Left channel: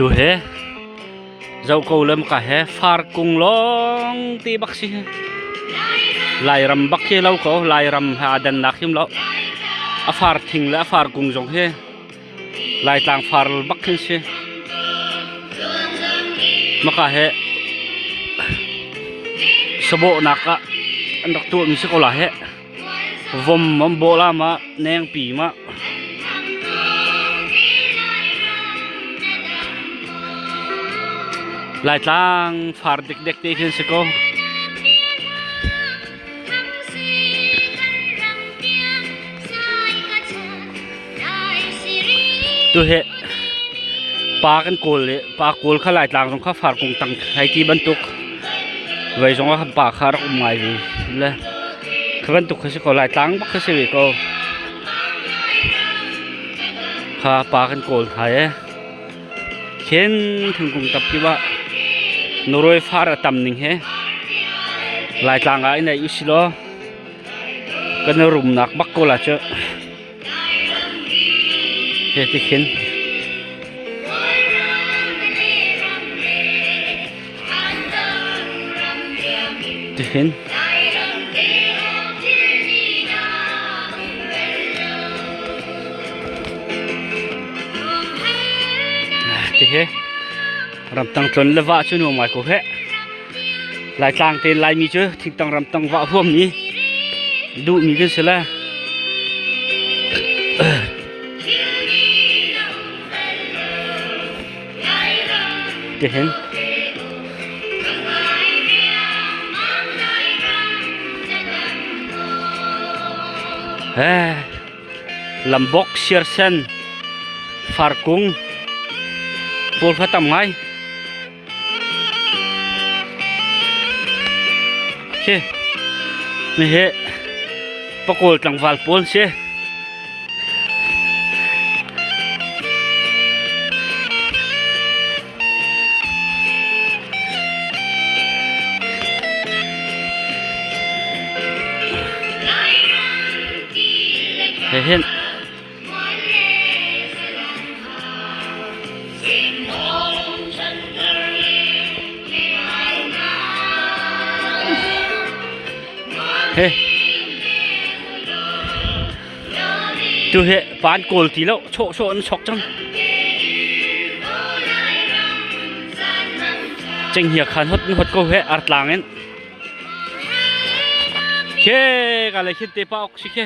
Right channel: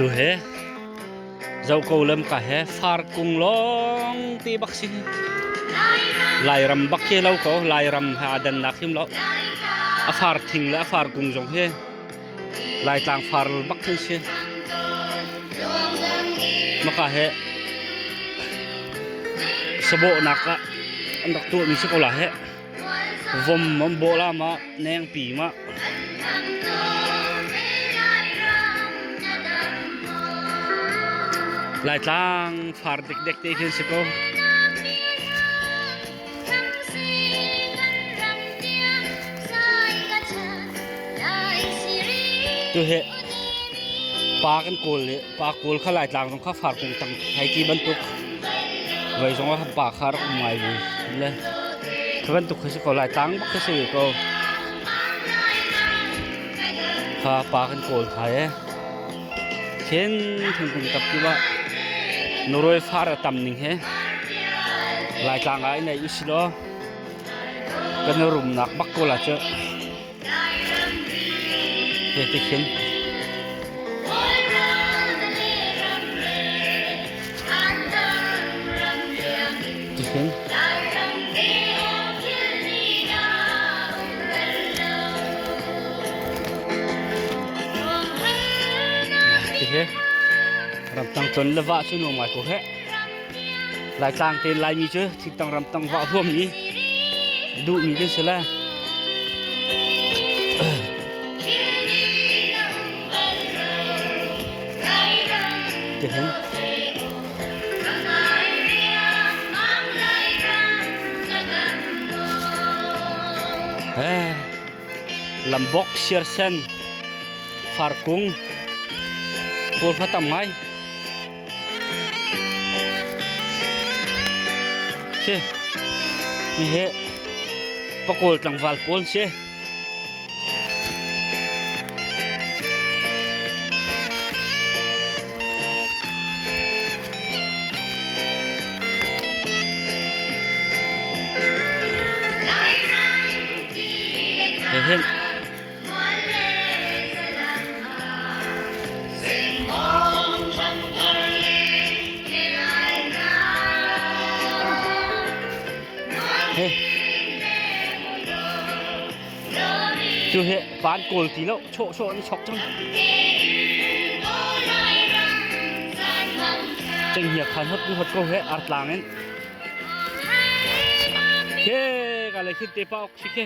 tu he zau ko lam ka he far kung long ti bak si lai ram bak ke lau ko lai ram ha dan nakim lau a far thing la far kung jong he lai tang far bak khin si maka he sabo naka andak tu mi si ko la he vom mom bola ma neng pi ma lai tang far dek dek te khin si ko tu he pa kan kol le pa kol kha lai tang jong kha far kung tang hai ti ban tuk vai jong kha pa khar um mai le khan tuk kha si ko lai tang bak kha si ko kha pa kan kol hai khen thung kung tap ki ba noroi far tam ning he lai tang ai nei isilo kan rum nak bak ko la che he ti khen ti khen ti he ram tang chon le wa chu no mai ko he lai tang ten lai mi chu thik tang ram tang wa phom ni du mi ke sela ti hen lambok sirsen farkung pol khatam ngai che ni he pakol tang wal pol che hen tu he pan kol ti lo cho an chok chang cheng hiak khan hot ko he art lang en ke ka le khit te pa ok si ke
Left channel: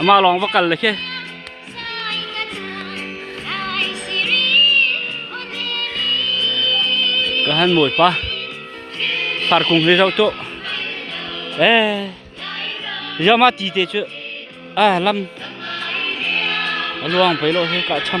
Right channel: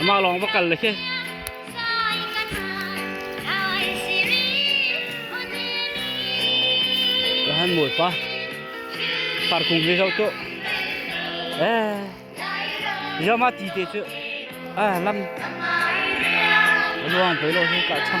ama long va kal le ke ka han moi pa far kung he rau to giờ mà tí thế chứ lâm luang phải lo hết cả trăm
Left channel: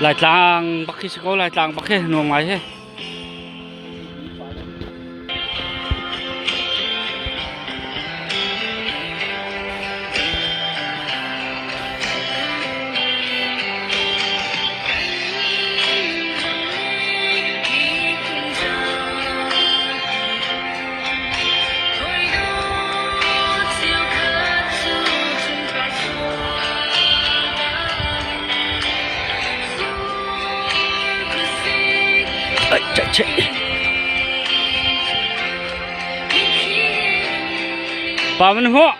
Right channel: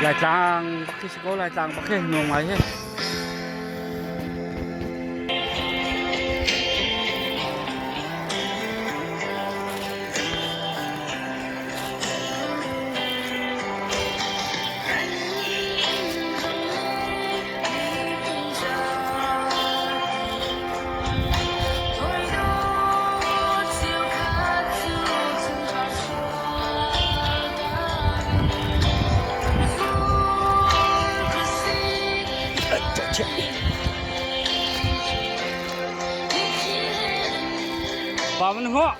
lại tlang bắc khi có lại tlang bắc khi nuông máy hết chạy bà mình họ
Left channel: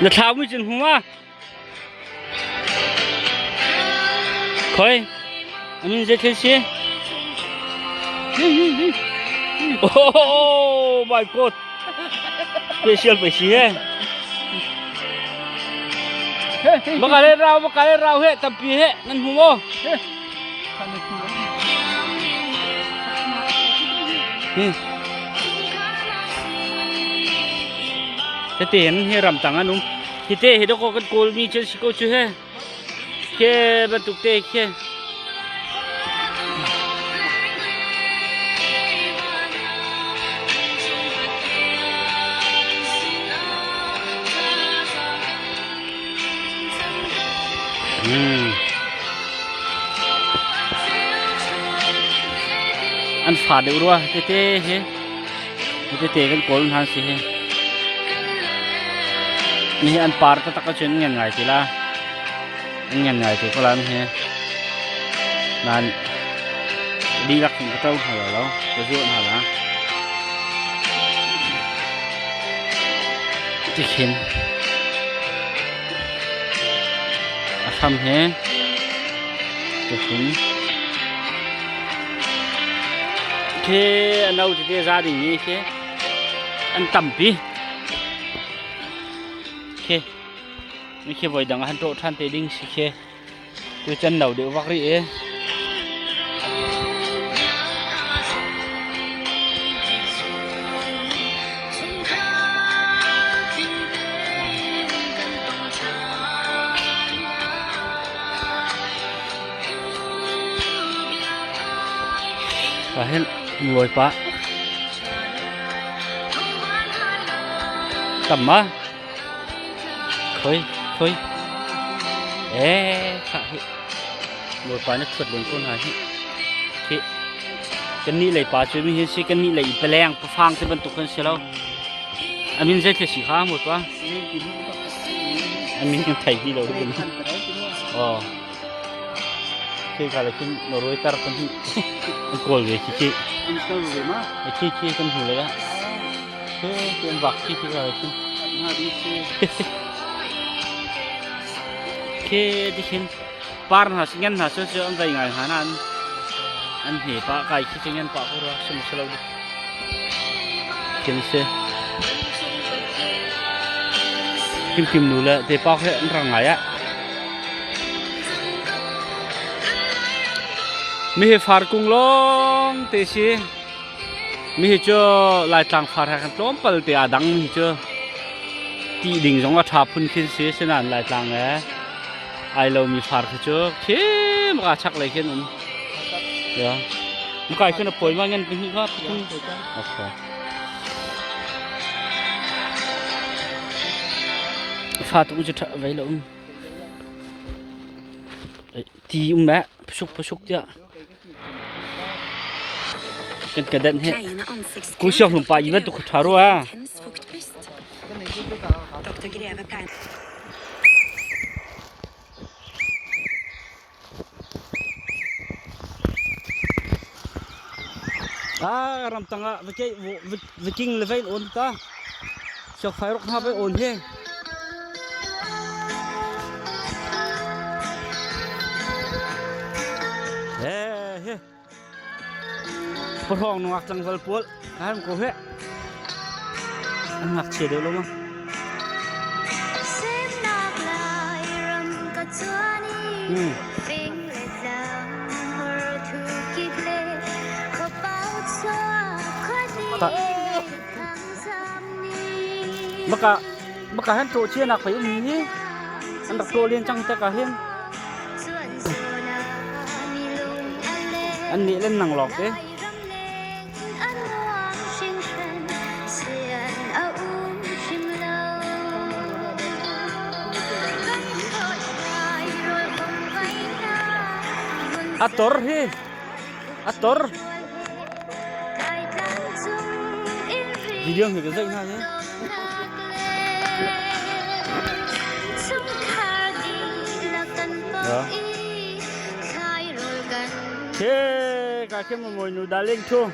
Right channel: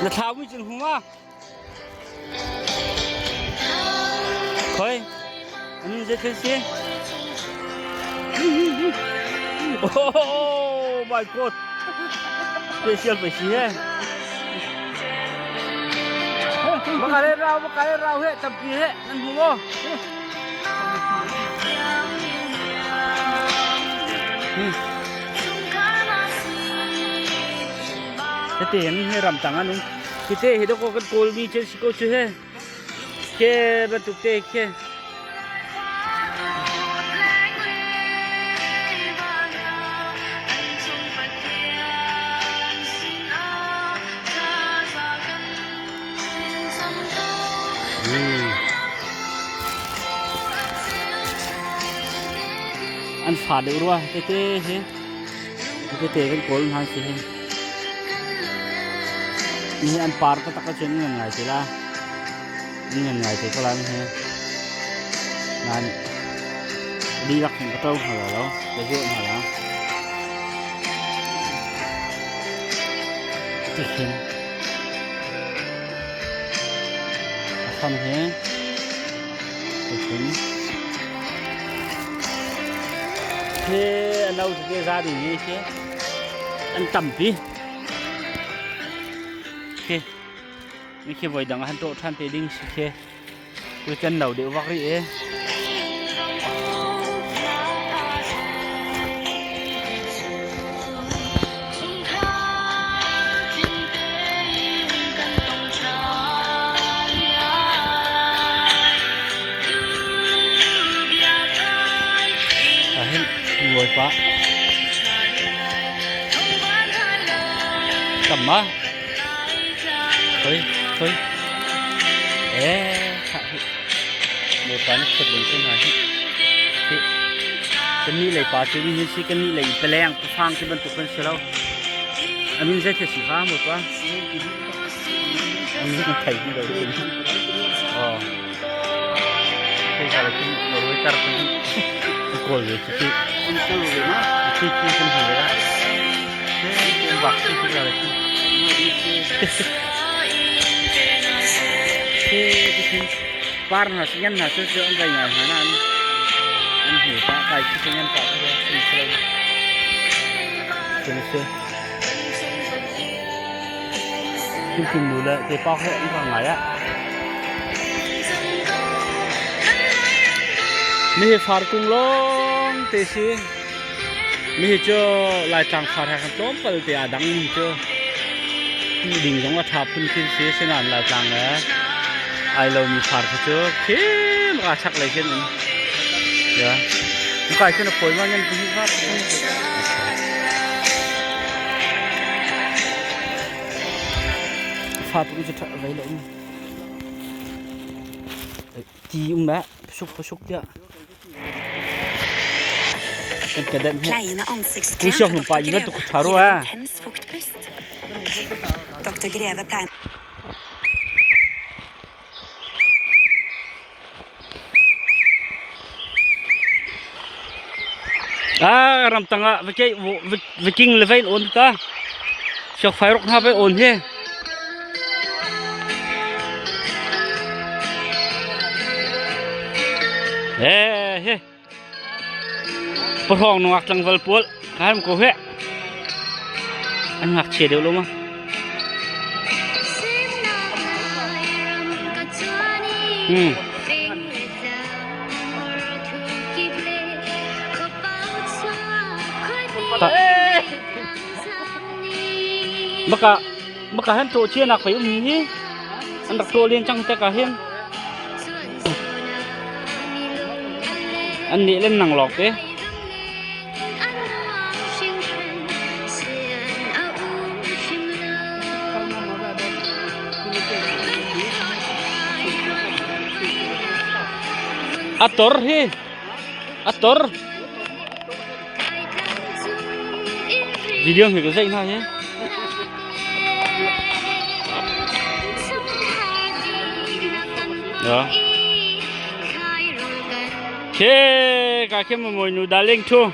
là tháo mới chừng hoa thôi mình dễ thấy xe oh my god special phải xe baka le rau he tapi he nan humo cái tiền hay rầm tăng anh đúng thì thế thì đâu có cái cồn mi trên cô chưa he cái bắt tục tê kia อันฝาดเดือดรัวเต้เฮ้เต้กันโกลหันสิเฮ้นี่อันปาร์ตตะกะชนเงินไงทีละเงินไงทีก็แล้วเฮ้นั่นดีลักถึงก็ต้องหาแล้วจะช่วยหาละจะเห็นทำเฮ้จะเห็นเฮ้อันเราจะได้ซาดีนี่เฮ้อันต่ำปีเฮ้ไม่เขี้ยวไว้ดังหันโตท่านเตดิ้งสิเฮ้ดูจันเราเดี๋ยววักรีเอเห็นรวยปะต่ำมาเฮ้ยค่ะพี่รวยปะนี่สุดเลยคนหาพี่กันนี่เลยปะเจนี่เห็นสิกันนี่เลยตะแรงประฟังที่บรรทุกคนเสียแล้วอันนี้ใช่แค่สีข้าหมดปะอันนี้มันไทยที่เราได้ยินอ๋อใช่อะไรที่เรารู้ตาร์กันอันโกลเวทีอันโกลเวมาที่กันหัวเลยอะเฮ้ยเป็นวักที่อะไรที่มาดีที่เฮ้ยที่เป็นปาร์นหาสิ่งนั้นหาสิ่งที่อันใดไงหานั่นอันหิวปะใครที่สิ่งนั้นปะเขาด้วยสิ่งที่เราเจนเซ่คิมดูแลแต่ปะเขาอันร่างไงอะมีฟาร์กุงลงเตซีมีเจอลายต่างฟาร์กันต้มเปิลเตียดังมีเจอที่ดิ่งสองกระทับพุ่นขึ้นเสียเช่นนั้นลายต่างแล้วไอเรามีฟาร์เจอเข้มกระชักเลยเช่นนั้นเดี๋ยวมันกลายเป็นป่วยว่าเงินไปที่ว่าพุ่งโอเคฟาร์ตุ้งจะทำไว้แล้วทีแม่สุกเดียวกันกระเด็นให้กูชอบลงไปยิ่งตุกทารัวรำตังอ่ะวิกิ้งเลเวนโอนตาชอบไฟรกหน้าไปโอนเฮ้เฮ้ปะทองนักจังหวัดปุ่นข้ามกูเฮ้อันหักเฉียดเดียวลงมั้งบักหันโตเชียนักไปอุ้มนี่อันดักโตเลี้ยงจังแต่กะเห็นอันนี้เล่นหนังหลอกเด้อัตตอร์เฮ้อัตตอร์วิดีโอเห็นก็ใช่ไหมเนี่ยเคกาเข้มมวยนูดาเล่งทัว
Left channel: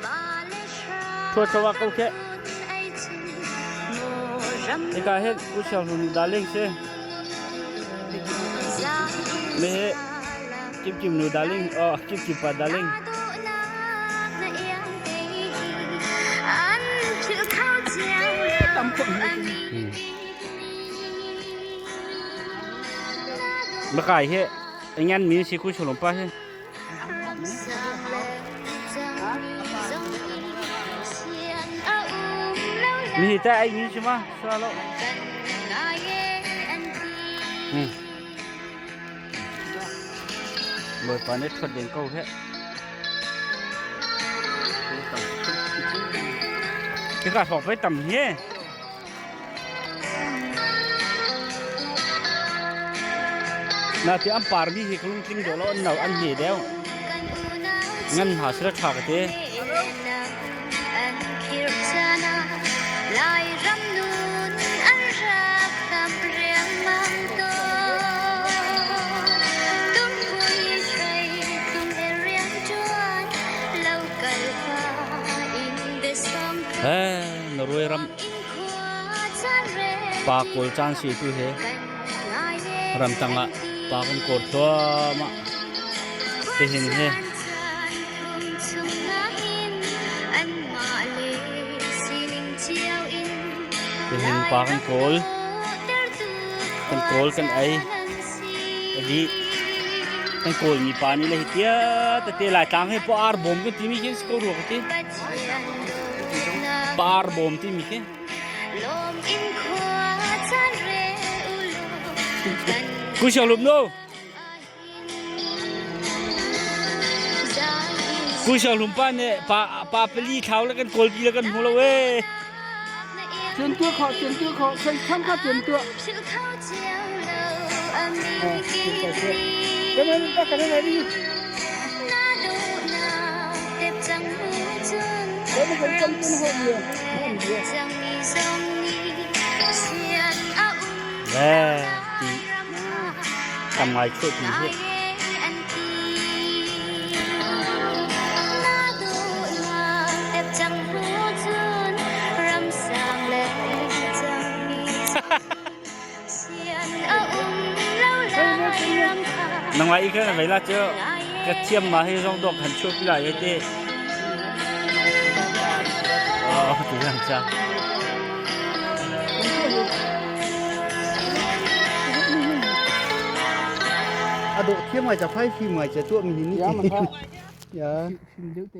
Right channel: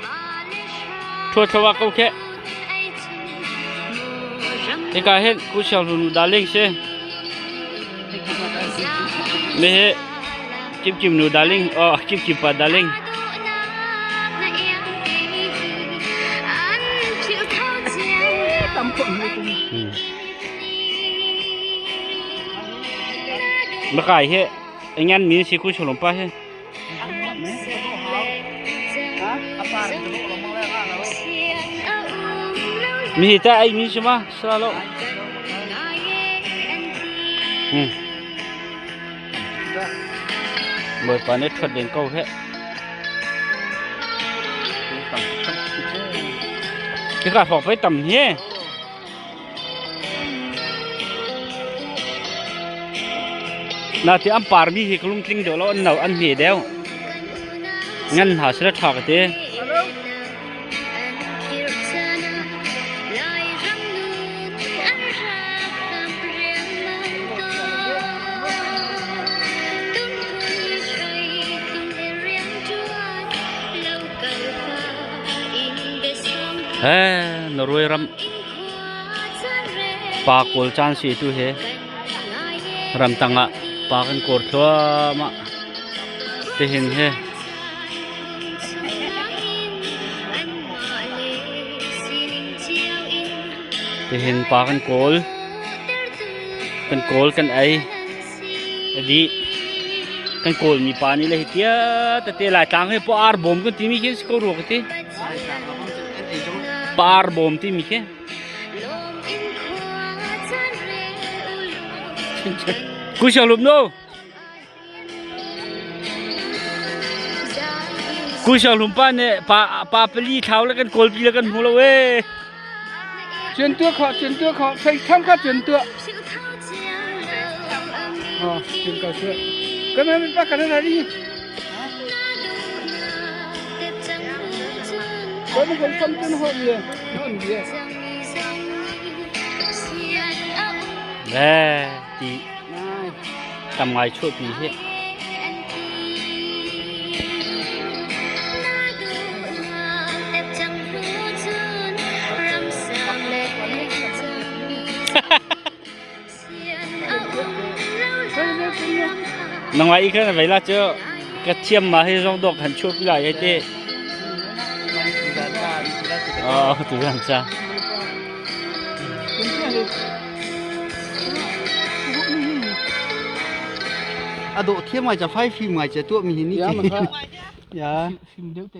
ทว่าเขาแค่เอกาเห็นกูชอบนูดาเล่งเช่ไม่เห็นจิมนูดาเล่งอ๋อจิมปาดาเล่งมาขายเฮ้ไอ้งั้นมีสิกูชอบลงไปเฮ้มีแต่ไอ้มีใช่ไหมสลาเบิดปานนี้ทดเด่นเก่าแค่ที่กาฝอกไปต่ำเฮ้นาที่อัมปาร์มีที่กลุ่มทิ้งเดี๋ยวเราอันเหน่าอันเหนียวงั้นหาเสื้อถอดกันเถอะ Norway ram pa kol chan si tu he ram tanga pa kan kor thwa ma te hin he te hin pa kan kol kan ai adi kan kol mi pa ni le hitia te la tang he po ar bom ko ti mi ke sko ro ke par bom ti mi ke cú sầu lùm đâu cú sầu lùm pa nè pa peli tháoแล้วกันโกลปีแล้วกันหัวเราเว้ย chuyển tua họ xây tham khát chuyển tua chuyển cả chuyện cái này bắt cái này đi có một con chân hội nhiều hơn nhiều nè chị tầm ngoài chuột gì thế nằm ngoài cái này là chưa cái chiêm mà hay rong độc hành chuột cái lại thế từ làm sao độ thiêm mà chả phai phim mà chả tua mình hình như dạ dạ phim